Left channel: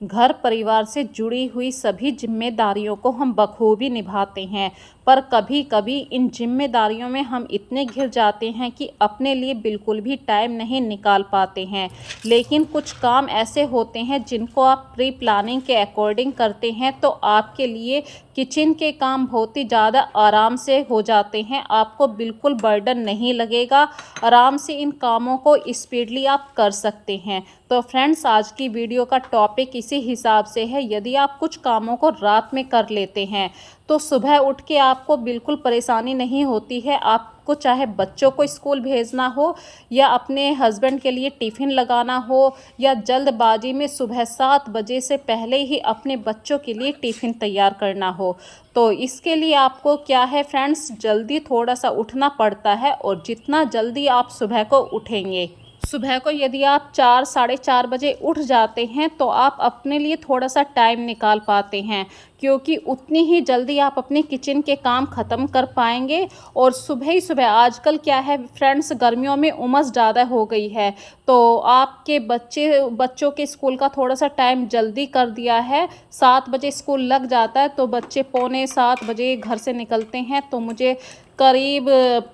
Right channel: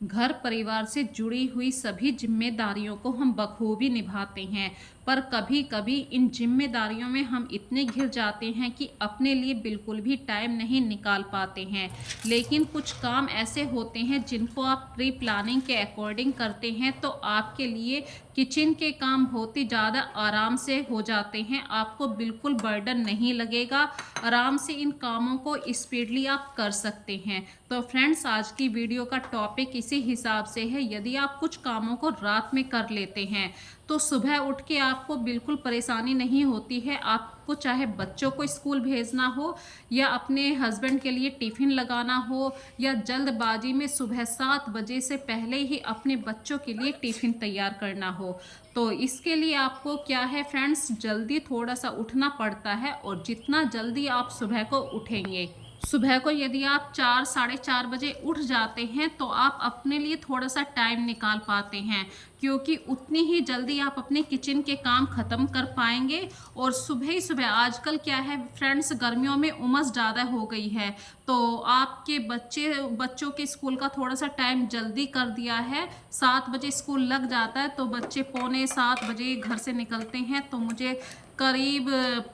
घर परिवार से जुड़ी हुई सभी जिम्मेदारियों को हम बखूबी निभाते हैं, पर कभी कभी इन जिम्मेदारियों में हम इतने घिर जाते हैं कि अपने लिए बिल्कुल भी टाइम नहीं निकाल पाते हैं। लेकिन कुछ काम ऐसे होते हैं जिनको आप प्री प्लानिंग के अकॉर्डिंग करते हैं तो आपके लिए किचन के काम बहुत ही ज़्यादा आराम से हो जाते हैं। आपको बिल्कुल बर्डन नहीं लगेगा, आराम से इन कामों को स्पीडली आप कर सकते हैं। तो फ्रेंड्स, आज की वीडियो का टॉपिक इसी हिसाब से है। यदि आप कुछ कामों को रात में कर लेते हैं तो सुबह उठ के आपको बिल्कुल परेशानी नहीं होती है। आपको चाहे बच्चों को स्कूल भेजना हो या अपने हस्बैंड के लिए टिफ़िन लगाना हो या जल्दबाजी में सुबह 7 बजे से पहले ही अपने बच्चों के लिए टिफ़िन तैयार करना हो, तो इसके लिए आपको क्या है फ्रेंड्स, जल्दी थोड़ा सा उठना पड़ता है। और जितना जल्दी आप सुबह को उठेंगे, सुबह को यदि आप 4 साढ़े 4 बजे उठ जाते हैं तो आप अपने लिए थोड़ा सा टाइम निकाल पाते हैं, क्योंकि उतनी ही जल्दी आप अपने किचन के काम ख़त्म कर पाएंगे। और सुबह ही सुबह, आजकल क्या है फ्रेंड्स, गर्मियों में उमस ज़्यादा हो गई है, तो आपके बच्चों के स्कूल का थोड़ा सा टाइम जल्दी कर दिया है। 7 बजे स्कूल लग जाता है तो बच्चे पौने 7 बजे घर से निकलते हैं, तो मुझे करीब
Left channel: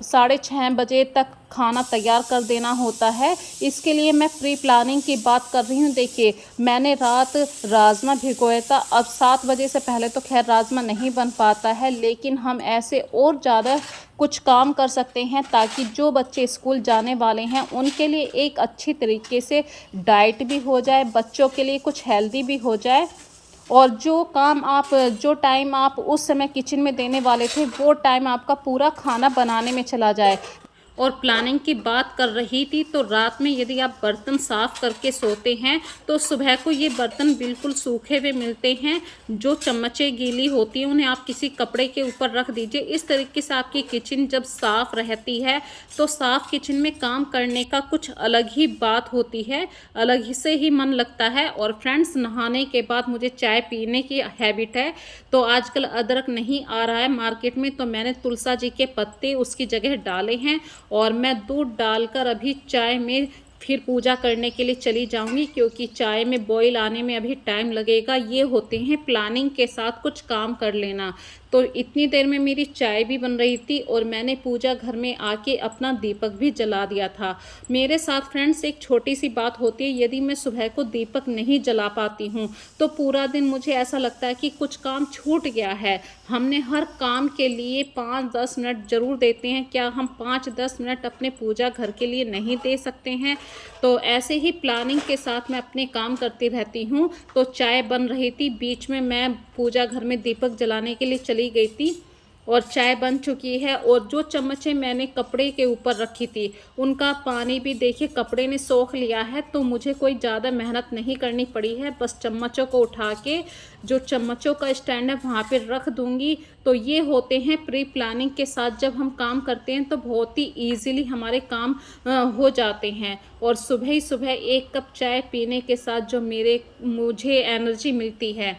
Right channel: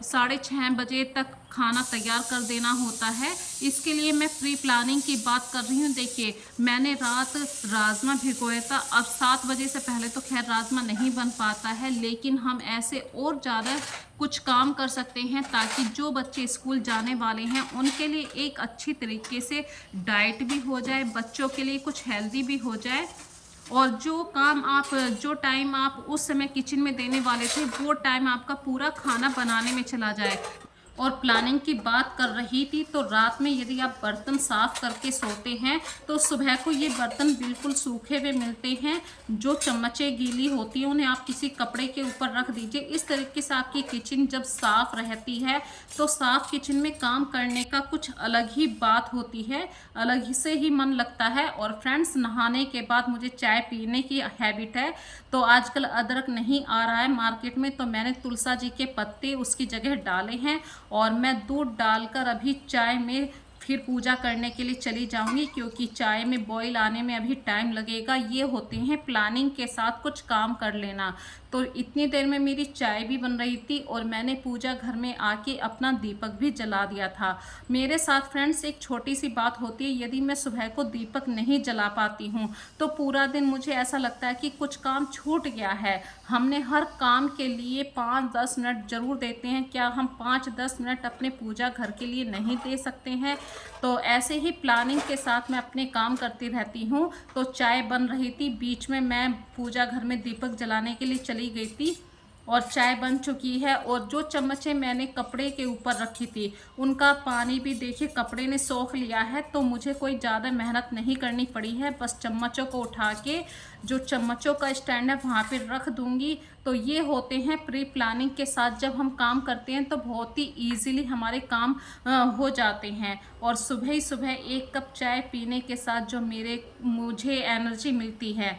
6:30 बजे तक खाना तैयार कर देना होता है। इसके लिए मैं प्री प्लानिंग की बात कर रही हूँ। देखिए, मैंने रात राजमा भिगोया था। अब 7 बजे से पहले तो खैर राजमा नहीं बन पाता है, लेकिन हम ऐसे और ज़्यादा कुछ काम कर सकते हैं ताकि जो बच्चे स्कूल जाने वाले हैं उनके लिए एक अच्छी तरीके से डाइट भी हो जाए, बच्चों के लिए कुछ हेल्दी भी हो जाए, और जो टाइम आप उस समय किचन में देने वाले थे वो टाइम आपका पूरा खाना बनाने में चला जाए। और प्लानिंग की बात कर रही थी, तो रात में यदि आप बर्तन साफ़ करके सोते हैं तो सुबह को ये बर्तन बिल्कुल सूखे हुए मिलते हैं। जो चम्मचें गीली होती हैं उन्हें आप किसी कपड़े के ऊपर रख दीजिए। इस तरीके से आपकी किचन जब साफ़ रहती है तो साफ़ किचन में काम करने का कुछ अलग ही बात होती है, अलग ही से ही मन लगता है। और फ्रेंड्स, नहाने के बाद मुझे चाय पीने की हैबिट है, तो आजकल अदरक नहीं आ रहा है मार्केट में, तो मैंने तुलसा जी के पत्ते उसकी जगह डाले हैं और मैं दूध डालकर अभी चाय में फिर पूजा करने के लिए चली जाऊंगी, क्योंकि चाय में बॉईल आने में अभी टाइम लगेगा। ये होते हैं प्लानिंग के साथ कुछ काम कर लेना। तो इतनी देर में मेरी चाय भी बन रही थी और मैंने पूजा घर में आके अपना दीपक भी जला दिया था। मेरे साथ फ्रेंड्स एक छोटी सी बात होती है, यदि मैं सुबह को दीपक नहीं जला पाती हूँ तो पूरा दिन मुझे ऐसा लगता है कि कुछ काम छूट गया है। हमने हर काम के लिए 5-10 मिनट ज़रूर देते हैं, क्या हम 5-10 मिनट अपने पूजा घर के लिए नहीं दे सकते हैं? तो ऐसे ही प्लानिंग के साथ मैं अपने काम करती रहती हूँ। तो चाय बन रही थी, बीच में मैं पूजा घर में दीपक जलाने के लिए चली गई थी और चाय बन चुकी है। और जो चम्मचें मैंने कपड़े के ऊपर रखी थी उनका पानी भी देखिए कपड़े ने सोख लिया है, तो मुझे कोई ज़्यादा मेहनत नहीं करनी पड़ी है। बस चम्मचों को उठा के जो चम्मचों का स्टैंड है वहाँ पे रख दूँगी। तो ये होते हैं प्री प्लानिंग के साथ जब हम काम करते हैं तो बहुत ही ईजीली हमारे काम हो जाते हैं। और सुबह ही सुबह एक कप चाय पीने के साथ जो मुझे एनर्जी मिलती है,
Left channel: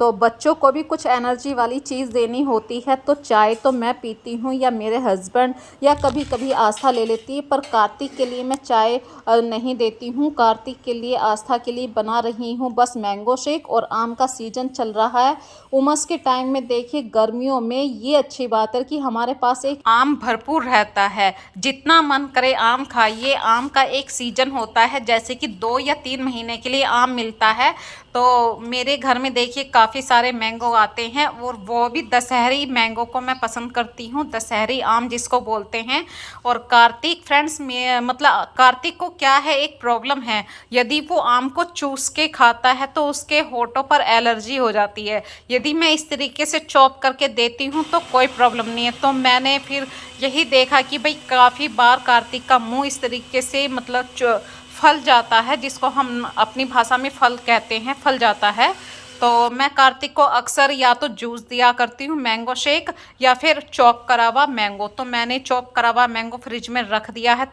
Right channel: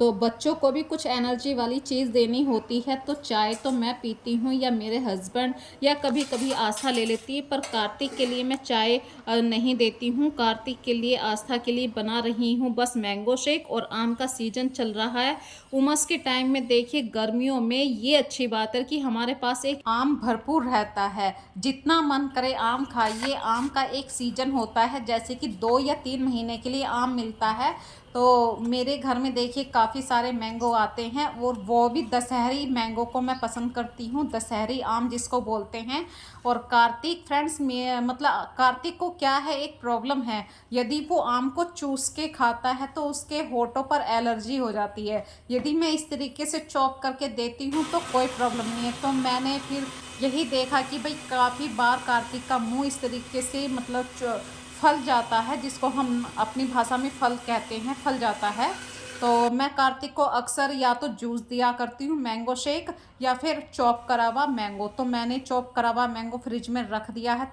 तो बच्चों को भी कुछ एनर्जी वाली चीज़ देनी होती है, तो चाय तो मैं पीती हूँ या मेरे हस्बैंड या कभी कभी आस्था ले लेती है। पर कार्तिक के लिए मैं चाय नहीं देती हूँ। कार्तिक के लिए, आस्था के लिए बना रही हूँ बस मैंगो शेक। और आम का सीजन चल रहा है, उमस के टाइम में देखिए गर्मियों में ये अच्छी बात है कि हमारे पास एक आम भरपूर रहता है, जितना मन करे आम खाइए। आम का एक सीजन होता है, जैसे कि 2 या 3 महीने के लिए आम मिलता है। तो मेरे घर में देखिए काफ़ी सारे मैंगो आते हैं, और वो भी दशहरी मैंगो को मैं पसंद करती हूँ, दशहरी आम जिसको बोलते हैं। और कार्तिक फ्रेंड्स में मतलब कार्तिक को क्या है, एक प्रॉब्लम है, यदि वो आम को चूस के खाता है तो उसके होठों पर एलर्जी हो जाती है। यदि मैं इस तरीके से चॉप करके देती हूँ तो कोई प्रॉब्लम नहीं है। तो मैंने फिर यही देखा कि भाई काफ़ी बार कार्तिक का मुँह इस तरीके से मतलब फल जाता है, जिसको हम अपनी भाषा में फल कहते हैं, फल जाता है। तो मैं कार्तिक को अक्सर या तो जूस दिया करती हूँ, मैंगो शेक, या फिर चॉप करा हुआ मैंगो। तो मैंने चॉप करा हुआ मैंगो फ्रिज में रख दिया है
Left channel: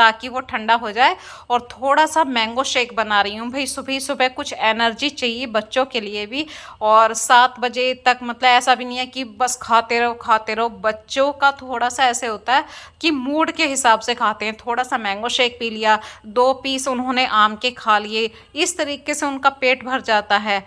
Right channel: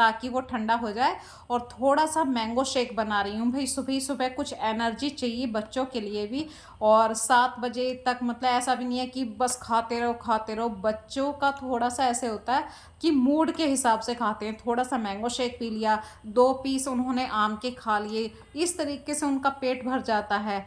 ताकि वो ठंडा हो जाए। और थोड़ा सा मैंगो शेक बना रही हूँ। भाई सुबह सुबह कुछ एनर्जी चाहिए बच्चों के लिए भी। और 7 बजे तक मतलब ऐसा भी नहीं है कि बस खाते रहो खाते रहो। बच्चों का थोड़ा सा ऐसे होता है कि मूड के हिसाब से खाते हैं। थोड़ा सा मैंगो शेक पी लिया, 2 पीस उन्होंने आम के खा लिए, इस तरीके से उनका पेट भर जाता है।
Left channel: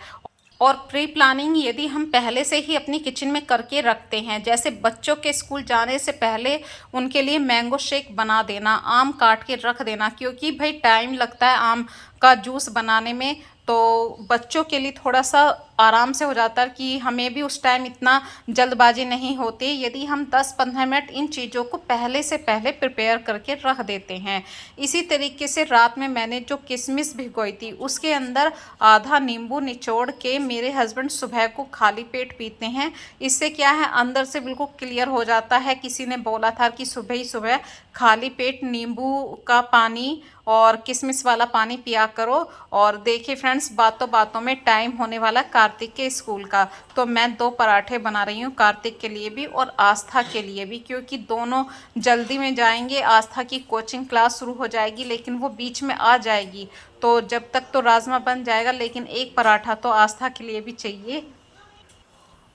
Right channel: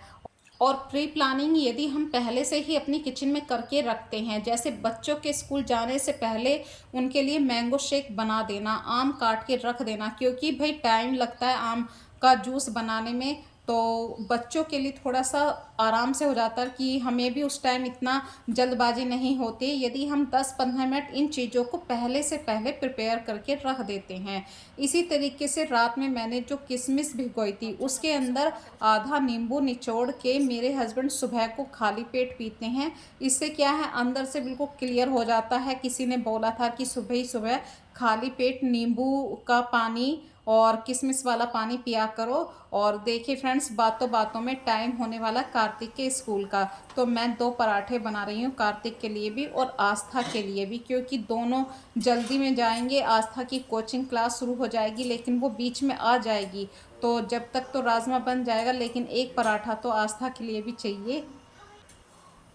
और प्री प्लानिंग यदि हम पहले से ही अपनी किचन में करके रखते हैं, जैसे बच्चों के स्कूल जाने से पहले उनके लिए मैंगो शेक बना देना, आम काट के रख देना, क्योंकि भाई टाइम लगता है आम का जूस बनाने में। तो बच्चों के लिए थोड़ा सा आराम से हो जाता है कि हमें भी उस टाइम इतना जल्दबाजी नहीं होती यदि हम 10-15 मिनट इन चीज़ों को पहले से पहले प्रिपेयर करके रख देते हैं। इसी तरीके से रात में मैंने जो किशमिश भिगोई थी उसके अंदर आधा नींबू निचोड़ के मेरे हस्बैंड सुबह को खाली पेट पीते हैं। इससे क्या है, अंदर से बिल्कुल क्लियर हो जाता है। किसी ने बोला था कि सुबह ही सुबह खाली पेट नींबू का पानी और किशमिश वाला पानी पिया करो। और देखिए फ्रेंड्स, बातों बातों में टाइम होने वाला कार्तिक के स्कूल का। तो मैं 2 पराठे बना रही हूँ कार्तिक के लिए भी और आस्था के लिए भी, क्योंकि दोनों जल्दी में जाएंगे। आस्था की कोचिंग क्लास शुरू हो जाएगी लेकिन वो बीच में आ जाएगी, तो जब तक तो राजमा बन जाएगा, लेकिन एक पराठा तो आस्था के लिए भी चाहिए।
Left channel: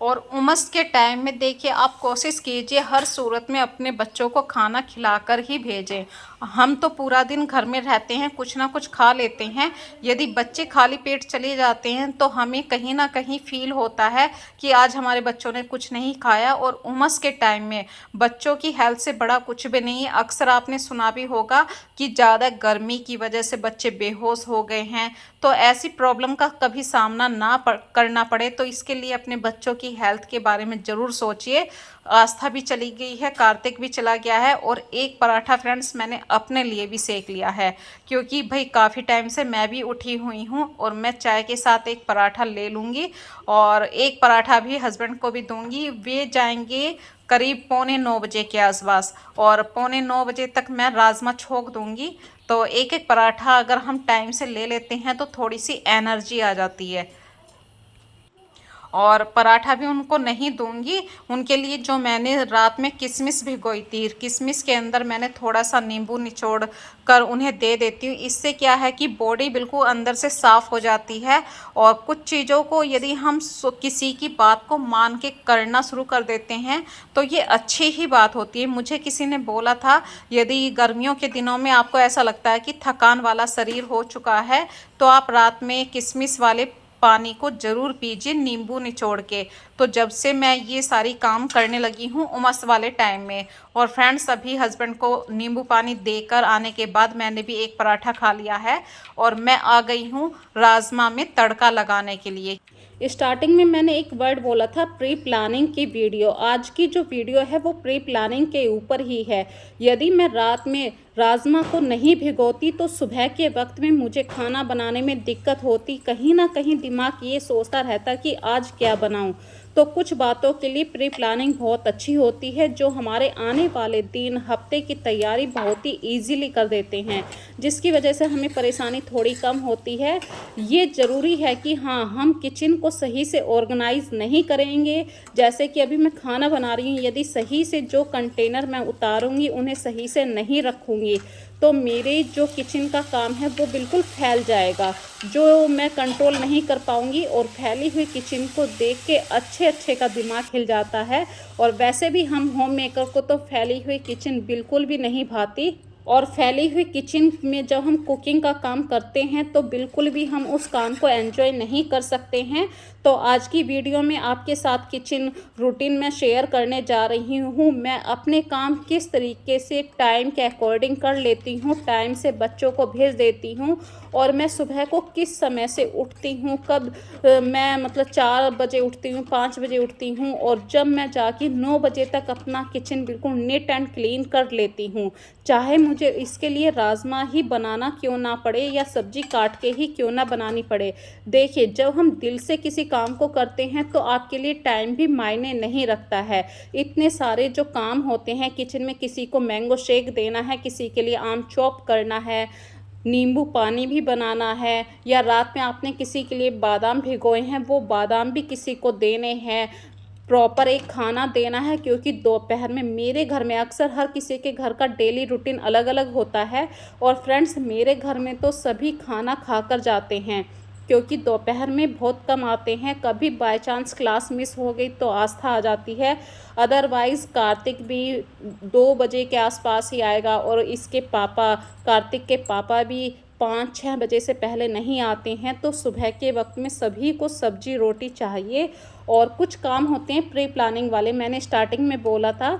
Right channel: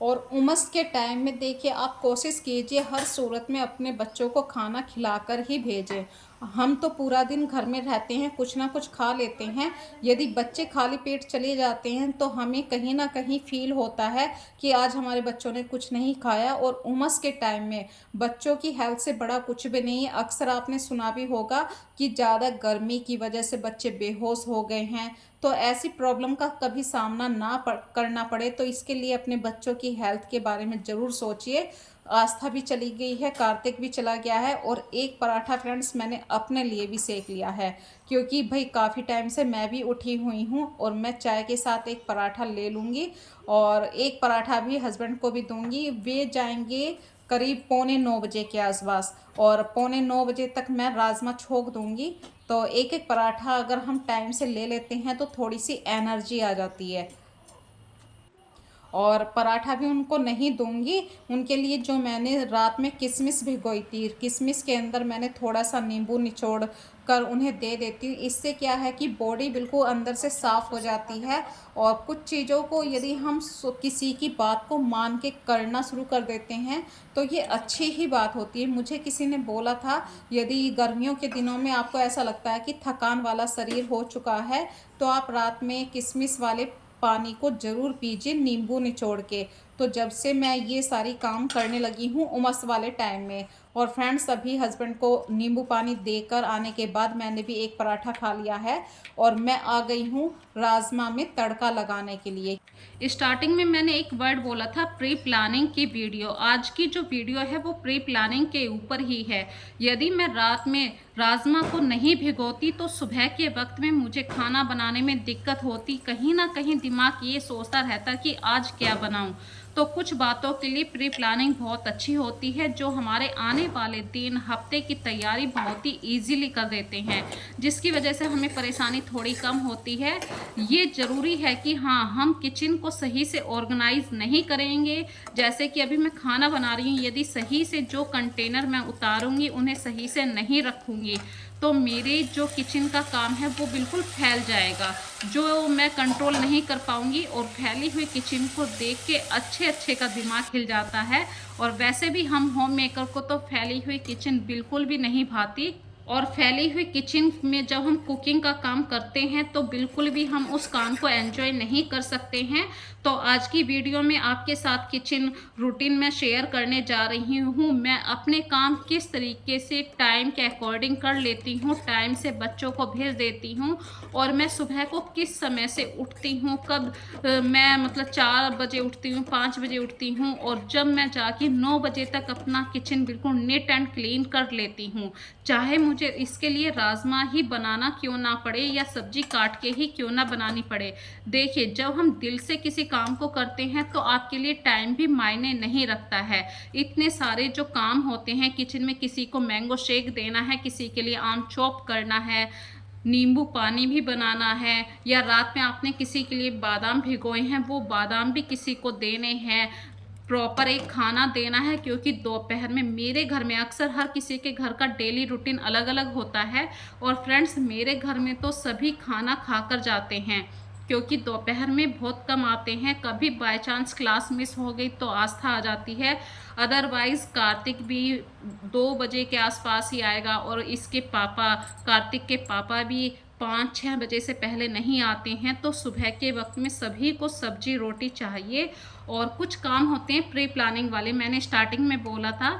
और उमस के टाइम में देखिए, आप कोशिश कीजिए हर सूरत में अपने बच्चों को खाना खिलाकर ही भेजें। हम तो पूरा दिन घर में रहते हैं, कुछ ना कुछ खा लेते हैं। यदि बच्चे खाली पेट चले जाते हैं तो हमें कहीं ना कहीं फील होता है कि आज हमारे बच्चों ने कुछ नहीं खाया। और उमस के टाइम में बच्चों की हेल्थ से बड़ा कुछ भी नहीं है। अक्सर आपने सुना भी होगा कि ज़्यादा गर्मी की वजह से बच्चे बेहोश हो गए हैं। तो ऐसी प्रॉब्लम का कभी सामना करना पड़े, तो इसके लिए अपने बच्चों की हेल्थ के बारे में ज़रूर सोचिए। आस्था भी चली गई है, कार्तिक भी चला गया है, और एक पराठा फ्रेंड्स मैंने अपने लिए भी सेक लिया है, क्योंकि भाई काफ़ी टाइम से मैं भी उठी हुई हूँ और मैं चाय के साथ एक पराठा ले लूँगी और एक पराठा भी हस्बैंड को भी दूँगी। वे जाएंगे करीब 8:45 के आसपास, और 8:45 तक मैं राजमा छोक दूँगी। तो एक एक पराठा अगर हम टाइम से ले लेते हैं तो थोड़ी सी एनर्जी आ जाती है। और पराठा भी उनको नहीं दूंगी। उनके लिए जो मैंने रात में किशमिश भिगोई थी, किशमिश के अंदर मैंने थोड़ा सा नींबू निचोड़ कर उन्हें दे देती हूँ। इससे क्या है कि बॉडी बिल्कुल अंदर से साफ़ हो जाती है। और कुछ चीज़ों को यदि हम किसी की बात को मान के करना शुरू कर देते हैं तो ये अच्छी ही बात होती है। मुझे किसी ने बोला था, यदि गर्मियों के दिनों में आपको ऐसा लगता है कि थकान वाला शरीर हो चुका है तो आप रात में किशमिश वाले पानी को ज़रूर पीजिए नींबू निचोड़ के। तो जब से मैं ये सारी काम करने लगी हूँ उमस वाले टाइम में। और फ्रेंड्स, अभी हस्बैंड को नींबू पानी देकर आने के बाद मैंने भी एक पराठा खा लिया है और मैं आ गई हूँ राजमा में तड़का लगाने के लिए। स्टार्टिंग में मैंने एक वर्ड बोला था, प्री प्लानिंग की वीडियो। आज की जो वीडियो है वो प्री प्लानिंग के ऊपर ही है। यदि मैं रात में राजमा को नहीं भिगोती तो सुबह के वक्त में मुझे खाना बनाने में दिक्कत होती। कहीं ना कहीं दिमाग ये सोचता रहता कि आज क्या बनाऊं। तो कुछ बातों के लिए प्री प्लानिंग बहुत अच्छी होती है, जो हमारे आने वाले दिन हफ्ते की तैयारी बहुत ही ईजीली कर देते हैं, जिसकी वजह से हमें परेशानी थोड़ी कम होती है। ये ज़रूरी है कि हाँ, हम किचन को सही से ऑर्गेनाइज नहीं करेंगे। जैसे कि अभी मैं खाना बना रही हूँ, यदि सही से जो कंटेनर मैं उतारूँगी उन्हें सही से नहीं रखूँगी तो मेरे जो किचन का काम है वो बिल्कुल फैल जाएगा, जो मैं कंट्रोल नहीं कर पाऊँगी। और फैली हुई किचन को देख के अच्छे अच्छे का दिमाग हिल जाता है। और वैसे भी हम होम मेकर को तो फैली हुई किचन बिल्कुल भी नहीं भाती। और फैली हुई किचन में जब हम कुकिंग का काम करते हैं तो बिल्कुल भी हम उस काम को एंजॉय नहीं कर सकते हैं। तो आज की वीडियो में आपके साथ किचन रूटीन में शेयर करने जा रही हूँ। मैं अपने काम किस तरीके से टाइम के अकॉर्डिंग कर लेती हूँ, टाइम से बच्चों को भेज देती हूँ, और मैं सुबह को किस समय से उठती हूँ, कब मैं मतलब 4 बजे उठती हूँ, 5 बजे उठती हूँ, और जब मैं जाके 9 बजे तक अपना किचन बिल्कुल नीट एंड क्लीन कर लेती हूँ। चाहे मुझे इसके लिए राजमा ही बनाना क्यों ना पड़े या सब्जी काट के ही क्यों ना बनानी पड़े। देखिए, जब हम दिल से किसी काम को करते हैं तो आपके लिए टाइम भी मायने नहीं रखता है। इतने सारे जो काम होते हैं किचन में, किसी को मैंगो शेक देना है, किसी के लिए आम चॉप करना है, नींबू पानी भी बनाना है, या रात में आपने किसी के लिए बादाम भिगोए हैं वो बादाम भी किसी को देने हैं, प्रॉपर एक खाना देना है, क्योंकि दोपहर में मेरे घर में अक्सर हर किसी के घर का डेली रूटीन अलग अलग होता है। और फ्रेंड्स, मेरे घर में तो सभी खाना खाकर जाते हैं, क्योंकि दोपहर में बहुत कम आते हैं। कभी बाय चांस क्लास मिस हो गई तो आस्था आ जाती है, अदरवाइज़ कार्तिक भी 2 बजे के आसपास ही आएगा। और इसके पापा, कार्तिक के पापा भी 5-6 बजे से पहले नहीं आते हैं। तो सुबह के वक्त में सभी को सब्जी रोटी चाहिए। और कुछ काम होते हैं प्री प्लानिंग वाले, मैंने स्टार्टिंग में बोला था।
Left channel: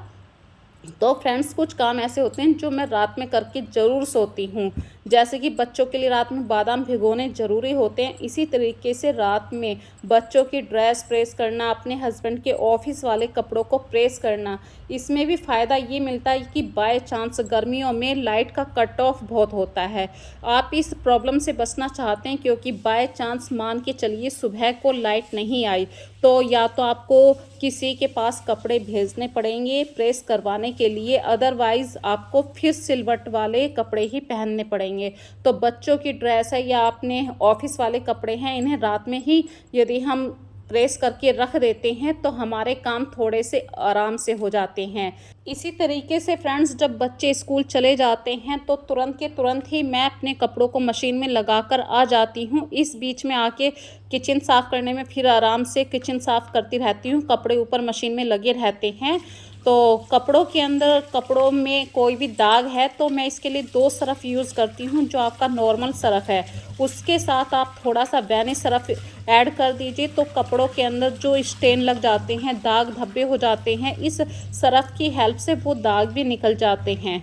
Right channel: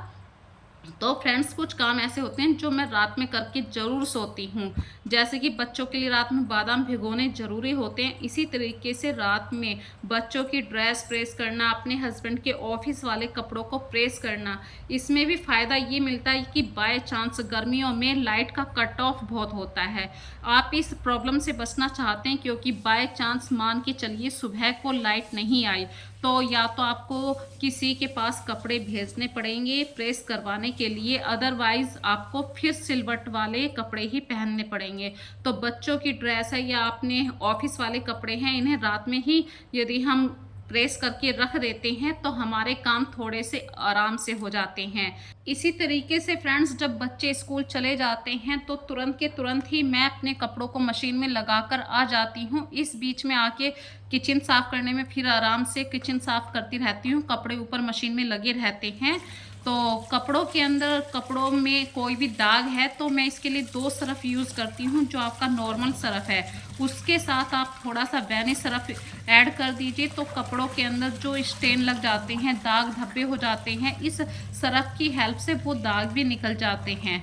तो फ्रेंड्स, कुछ काम ऐसे होते हैं जो मैं रात में करके ज़रूर सोती हूँ। जैसे कि बच्चों के लिए रात में बादाम भिगोने ज़रूरी होते हैं। इसी तरीके से रात में बच्चों की ड्रेस प्रेस करना, अपने हस्बैंड के ऑफिस वाले कपड़ों को प्रेस करना। इसमें भी फ़ायदा ये मिलता है कि बाय चांस गर्मियों में लाइट का कट ऑफ बहुत होता है। आप इस प्रॉब्लम से बचना चाहते हैं, क्योंकि बाय चांस मान के चलिए सुबह को लाइट नहीं आई, तो या तो आपको किसी के पास कपड़े भेजने पड़ेंगे प्रेस करवाने के लिए, अदरवाइज़ आपको फिर सिलवट वाले कपड़े ही पहनने पड़ेंगे। तो बच्चों की ड्रेस है या अपने ऑफिस वाले कपड़े हैं, इन्हें रात में ही यदि हम प्रेस करके रख देते हैं तो हमारे काम थोड़े से आराम से हो जाते हैं। इसी तरीके से फ्रेंड्स, जब बच्चे स्कूल चले जाते हैं तो तुरंत के तुरंत ही मैं अपने कपड़ों को मशीन में लगाकर आ जाती हूँ। इस बीच में आके किचन साफ़ करने में फिर आराम से किचन साफ़ करती रहती हूँ। कपड़े ऊपर मशीन में लगे रहते हैं। तो कपड़ों के अंदर, कपड़ों में कोई भी दाग है तो मैं इसके लिए 2 सरफ़ यूज़ करती हूँ। जो आपका नॉर्मल सरफ़ है उसके साथ आप थोड़ा सा वैनिश सरफ़ ऐड कर दीजिए, तो कपड़ों के अंदर जो स्टेन लग जाते हैं, दाग धब्बे हो जाते हैं, इस सरफ़ की हेल्प से वो दाग भी निकल जाते हैं।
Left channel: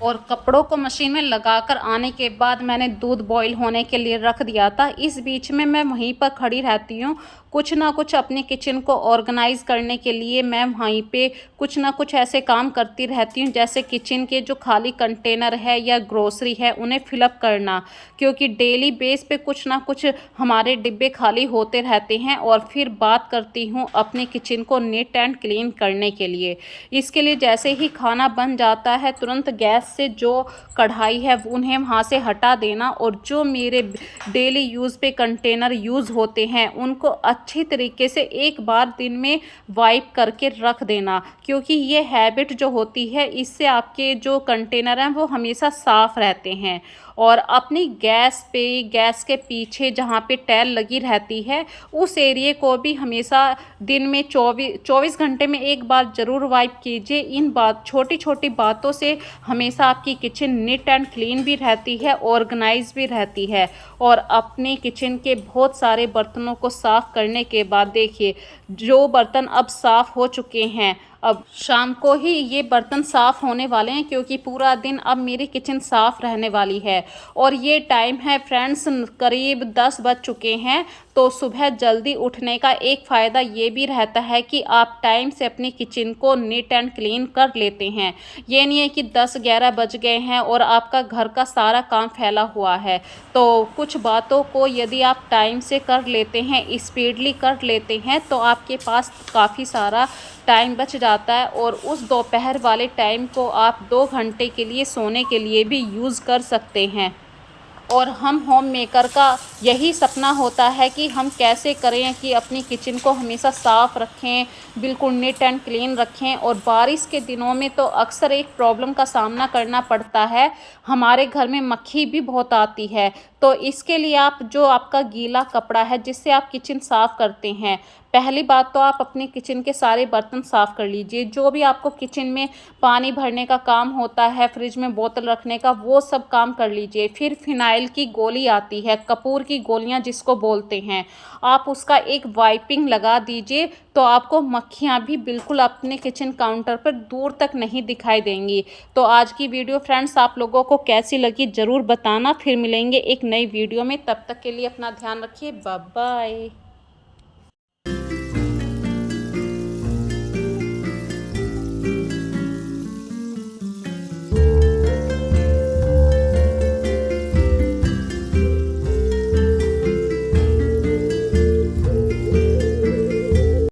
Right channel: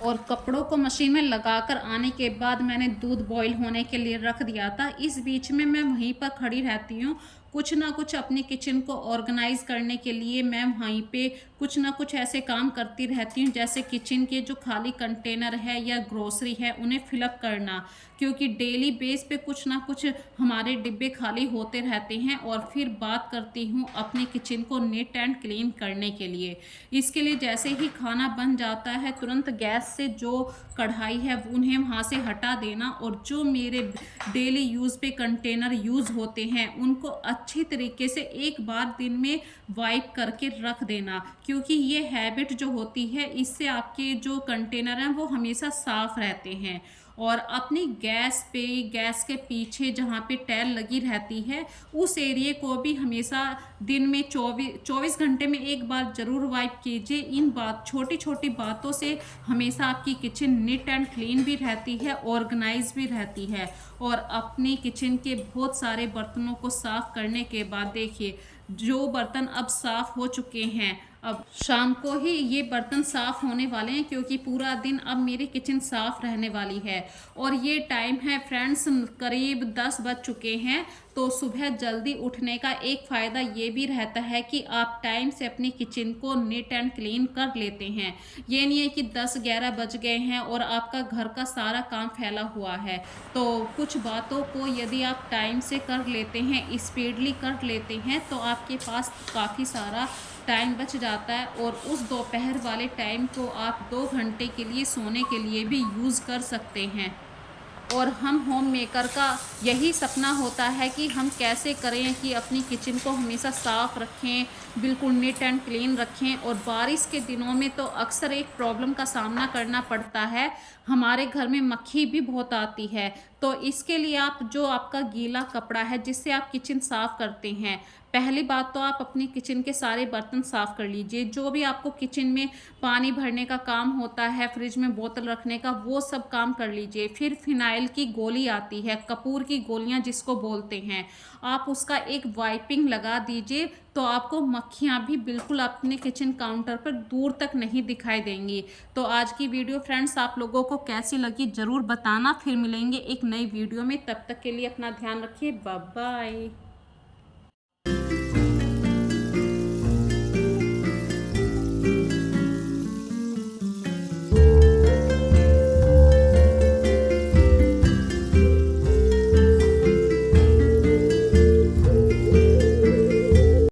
और कपड़ों को मशीन में लगाकर आने के बाद मैंने दूध बॉईल होने के लिए रख दिया था। इस बीच में मैं वहीं पर खड़ी रहती हूँ। कुछ ना कुछ अपने किचन को ऑर्गेनाइज़ करने के लिए मैं वहीं पे कुछ ना कुछ ऐसे काम करती रहती हूँ, जैसे किचन के जो खाली कंटेनर है या ग्रोसरी है उन्हें फिलअप करना, क्योंकि डेली बेस पे कुछ ना कुछ हमारे डिब्बे खाली होते रहते हैं। और फिर बात करती हूँ अपने किचन को नीट एंड क्लीन करने के लिए। इसके लिए जैसे ही खाना बन जाता है तुरंत गैस से जो कढ़ाई है उन्हें वहाँ से हटा देना, और जो मेरे डेली यूज़ पे कंटेनर यूज़ होते हैं उनको अच्छी तरीके से एक बार दिन में वाइप करके रख देना, क्योंकि ये हैबिट जो होती है इससे आपके जो कंटेनर हैं वो हमेशा साफ़ रहते हैं। और अपनी गैस पे, गैस के पीछे जहाँ पे टैल लगी रहती है उस एरिए को भी हमेशा दिन में 24 घंटे में एक बार ज़रूर वाइप कीजिए। इन छोटी छोटी बातों से हमेशा आपकी किचन नीट एंड क्लीन भी रहती है, ऑर्गेनाइज भी रहती है। और अपने किचन के बहुत सारे बर्तनों को साफ़ करने के बाद देखिए, जो बर्तन अब साफ़ हो चुके हैं, अब शाम को ही ये बर्तन साफ़ होने वाले हैं, क्योंकि पूरा दिन अब मेरी किचन साफ़ रहने वाली है। और ये टाइम है फ्रेंड्स, करीब 10 बज चुके हैं। तो सुबह जल्दी उठने का एक फ़ायदा ये भी रहता है कि आप टाइम से अपनी किचन को नीट एंड क्लीन कर लेते हैं। ये नहीं है कि 10-11 बज गए हैं और आपका घर का सारा काम फैला हुआ है। तो कुछ बातों को यदि आप टाइम से कर लेते हैं, स्पीडली कर लेते हैं, तो आपके पास काफ़ी सारा टाइम बच जाता है। और उस दोपहर वाले टाइम को आप 2 घंटे के लिए सोने के लिए भी यूज़ कर सकते हैं। और हम होम मेकर का यही सपना होता है कि हम कैसे करें कि अपनी किचन को हमेशा साफ़ रखें, बिल्कुल नीट एंड क्लीन रखें। और बारिश के दिनों में तो अक्सर एक प्रॉब्लम का सामना करना पड़ता है, हमारे घर में मक्खी भी बहुत आती है। तो इसके लिए आप जो आपका गीला कपड़ा है जिससे आप किचन साफ़ करते हैं, पहली बात तो आप अपने किचन के सारे बर्तन साफ़ कर लीजिए। जो भी आपको किचन में पानी भरने का काम होता है, फ्रिज में बोतल रखने का, वो सब काम कर लीजिए। फिर फिनाइल की गोली आती है, कपूर की गोलियां जिसको बोलते हैं, आप उसका एक वाइपिंग लगा दीजिए, तो आपको मक्खियाँ भी बिल्कुल अपने किचन काउंटर पर दूर तक नहीं दिखाई देंगी। तो आज की वीडियो फ्रेंड्स आप लोगों को कैसी लगी ज़रूर बताना। फिर मिलेंगे एक नई वीडियो में, तब तक के लिए अपना ध्यान रखिए। Bye bye.